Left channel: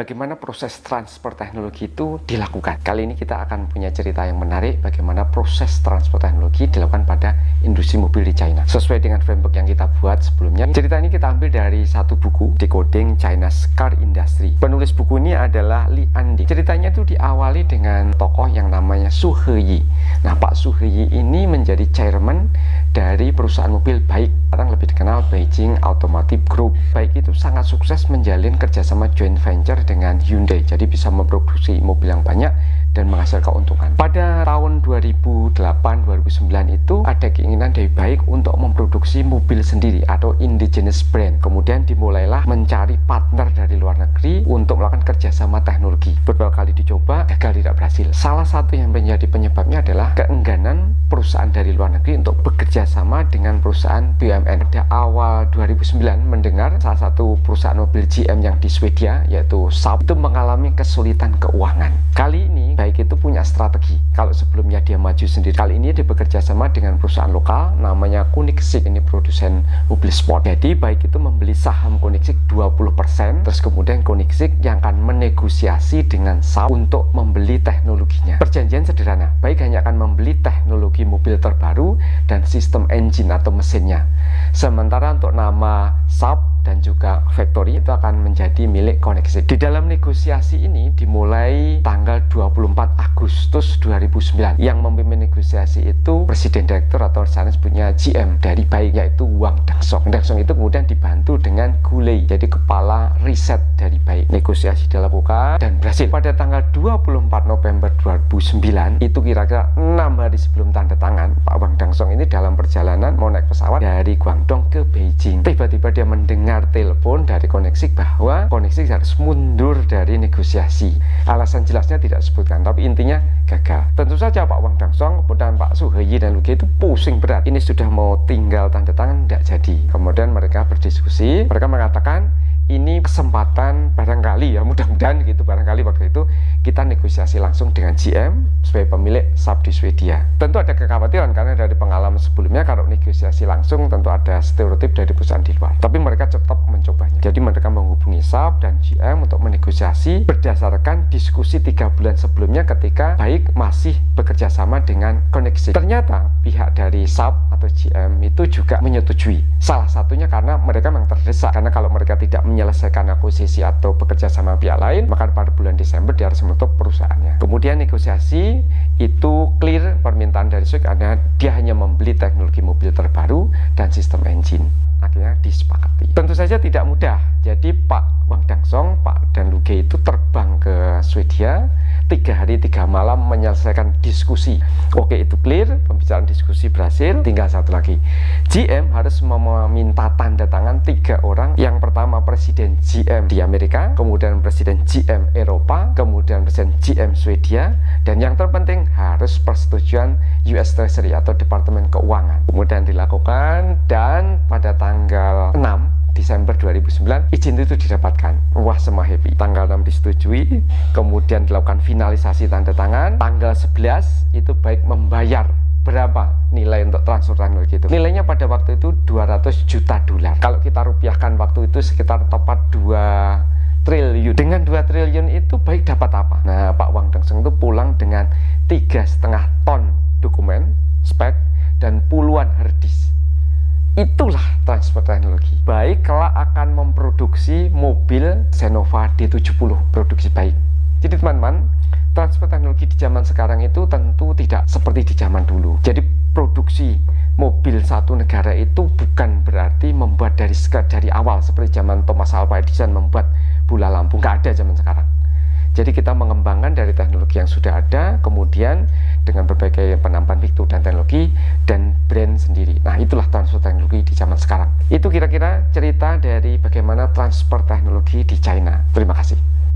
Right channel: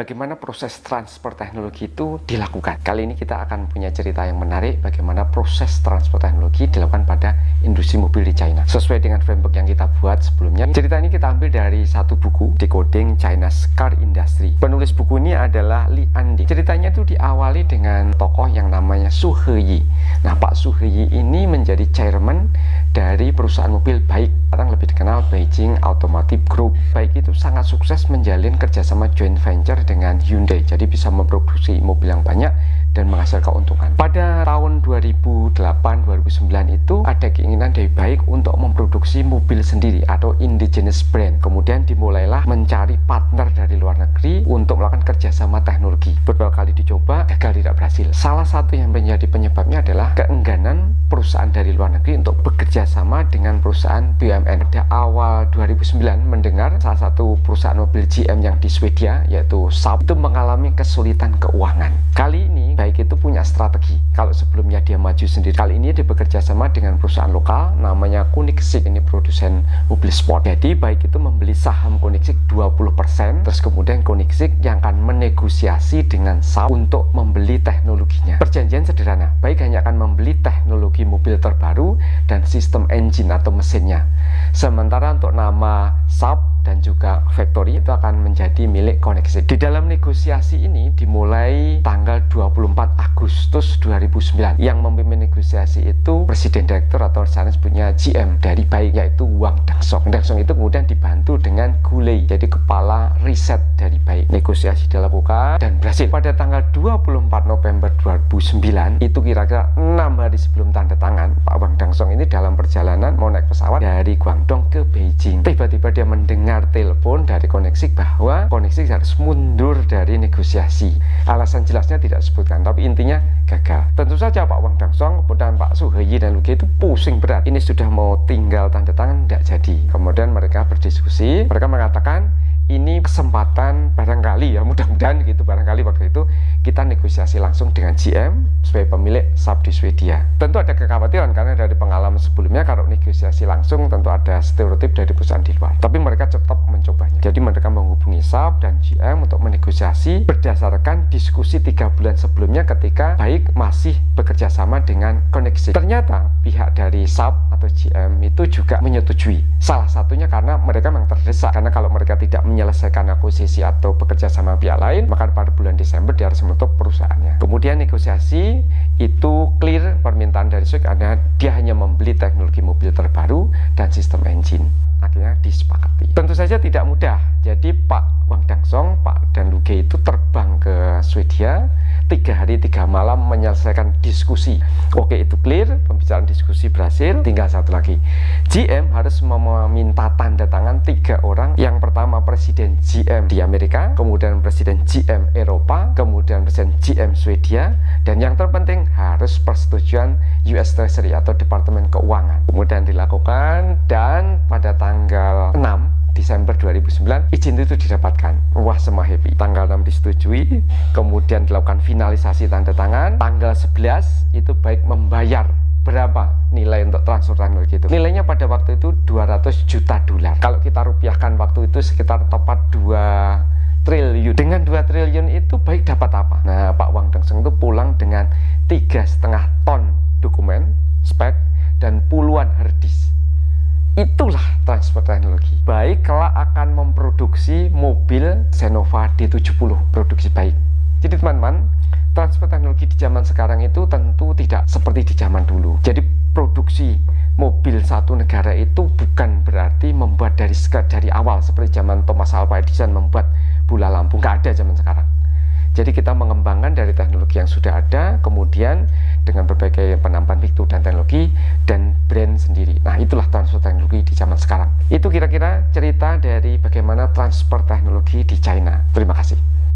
Bagaimana proses transfer teknologi itu dilakukan? Kali ini kita akan punya cerita yang menarik bagaimana proses transfer teknologi dilakukan pada industri mobil di China. Sesuai dengan framework yang kita buat sebelumnya, cerita ini kita ambil dari satu buku, Decoding China's Car Industry. Penulis buku ini adalah Li Anding. Ceritanya itu diawali dengan tokoh yang namanya Su Heyi. Nah, Pak Su Heyi ini menjadi chairman dari perusahaan mobil BAIC, sekarang lebih dikenal Beijing Automotive Group. BAIC itu sangat sukses menjalin kerjasama joint venture dengan Hyundai, jadi bisa memproduksi mobil yang banyak dan menghasilkan keuntungan. Pada tahun 2008-2009 itu ada keinginan dari BAIC untuk memproduksi mobil sendiri atau indigenous brand. Kemudian dimulailah mencari partner dari luar negeri untuk melakukan kerjasama teknologi. Beberapa kali dicoba, gagal, tidak berhasil. Salah satu yang menjadi penyebabnya adalah keengganan perusahaan dari luar negeri untuk bekerja sama dengan perusahaan BUMN. Pada awal 2009 mendengar salah satu perusahaan mobil GM yang di Swedia, yaitu Saab, itu mengalami kesulitan keuangan. Kali ini BAIC itu punya strategi. Kalau sebelumnya dia maju sendiri, kali ini dia bekerja sama dengan perusahaan lokal namanya Koenigsegg, ini produsen mobil sport. Jadi BAIC itu membeli saham Koenigsegg 20%, terus kemudian Koenigsegg yang akan menegosiasi dengan Saab untuk membeli teknologinya. Perjanjian sederhana, BAIC hanya akan membeli teknologi mobil terbaru dan sistem engine atau mesinnya. Sementara untuk nama Saab dan juga factory itu akan menjadi milik Koenigsegg. Di dalam negosiasi ini dimulai tanggal 24 Agustus 2009. Yang memimpin negosiasi itu presiden direktur atau sana sebutnya GM dari BAIC, yaitu Wang Dangsong. Dangsong itu kemudian dibantu dengan Gulei, jadi kepala riset dari BAIC. Negosiasi dilakukan dan berhasil. Pada tanggal 24 November 2009 itu kira-kira 6 hari sebelum tanda tangan, Pak Wang Dangsong ini dalam perjalanan mau naik pesawat dari Guangdong ke Beijing. Tiba-tiba dia mendengar telepon dari Koenigsegg bahwa Koenigsegg harus mundur dari negosiasi. Alasan jelasnya tidak disebutkan, tapi intinya gagal. Tentu saja Pak Wang Dangsong dan Pak Su Heyi dan Lu Ge itu pusing berat. Ini sudah mau tinggal tanda tangan, tidak jadi. Kemudian mereka berdiskusi, mereka mengatakan ini kesempatan barangkali, ya mudah-mudahan gitu, barangkali waktu itu kita negosiasi langsung dengan GM sebagai pemilik Saab di Swedia. Tentu ada kekhawatiran karena dari pengalaman sebelumnya kalau negosiasi langsung tentu ada stereotip dari perusahaan di luar. Tapi mereka tetap mencobanya. Jadi mereka menghubungi Saab dan GM untuk menegosiasi berdasarkan diskusi 3 bulan sebelumnya ketika BAIC masih bekerja sama dengan Koenigsegg. Ternyata pihak dari Saab atau GM itu juga menyetujui. Salah satunya karena mereka memang terdesak, karena kalau mereka tidak menyelesaikan akuisisi atau bekerja sama pihak lain, maka pada bulan Desember dia harus menutup perusahaannya. Kemudian negosiasi itu clear permintaan dari Swedia karena dia hanya membeli teknologi mobil terbaru dan sistem engine. Akhirnya disepakati. Tentu saja tidak mudah. Jadi Pak Wang Dangsong, Pak dan Lu Ge itu terbang ke Swedia 3 hari 3 malam menyelesaikan diskusi. Oke, itu clear, pembicaraan diskusi berhasil, tinggal satu lagi. GM harus meminta tanda tangan 3 orang. Yang pertama presiden GM di Amerika, kemudian presiden GM Eropa, kemudian presiden GM Swedia, dan yang terpenting harus persetujuan US Treasury atau Departemen Keuangan. Kemudian dilakukan dan pada tanggal 6 Desember 2009 izin itu didapatkan. Wah, semua happy. Tanggal 6 disetujui, kemudian dilakukan finalisasi tanda tangan. Tanggal 11 itu BAIC membayar berapa nilai untuk transfer teknologi itu. Nilainya pada waktu itu 200 juta dolar. Kalau kita rupiahkan waktu itu sekitar tepat 2 triliun. Dengan 2 triliun itu BAIC dapat apa? Nah, Pak Wang Dangsong itu pulang dengan 3,5 ton dokumen, spek, dan puluhan harddisk. Itulah transfer teknologi. BAIC kelak akan memproduksi mobil Xenova D70 produksi BAIC. Jadi teman-teman, transfer teknologi di zaman sekarang itu tentu tidak seperti di zaman dulu. Jadi produksi mobil satu negara itu bukan berarti membuat dari awal seperti zaman Thomas Alva Edison membuat bola lampu. Nggak ada zaman sekarang. Jadi kita mengembangkan dari teknologi yang sudah ada, kemudian dengan berbagai penambahan fitur dan teknologi dan brand sendiri. Nah, itulah transfer teknologi di zaman sekarang. Itu kira-kira cerita dari bagaimana transfer teknologi di China. Terima kasih.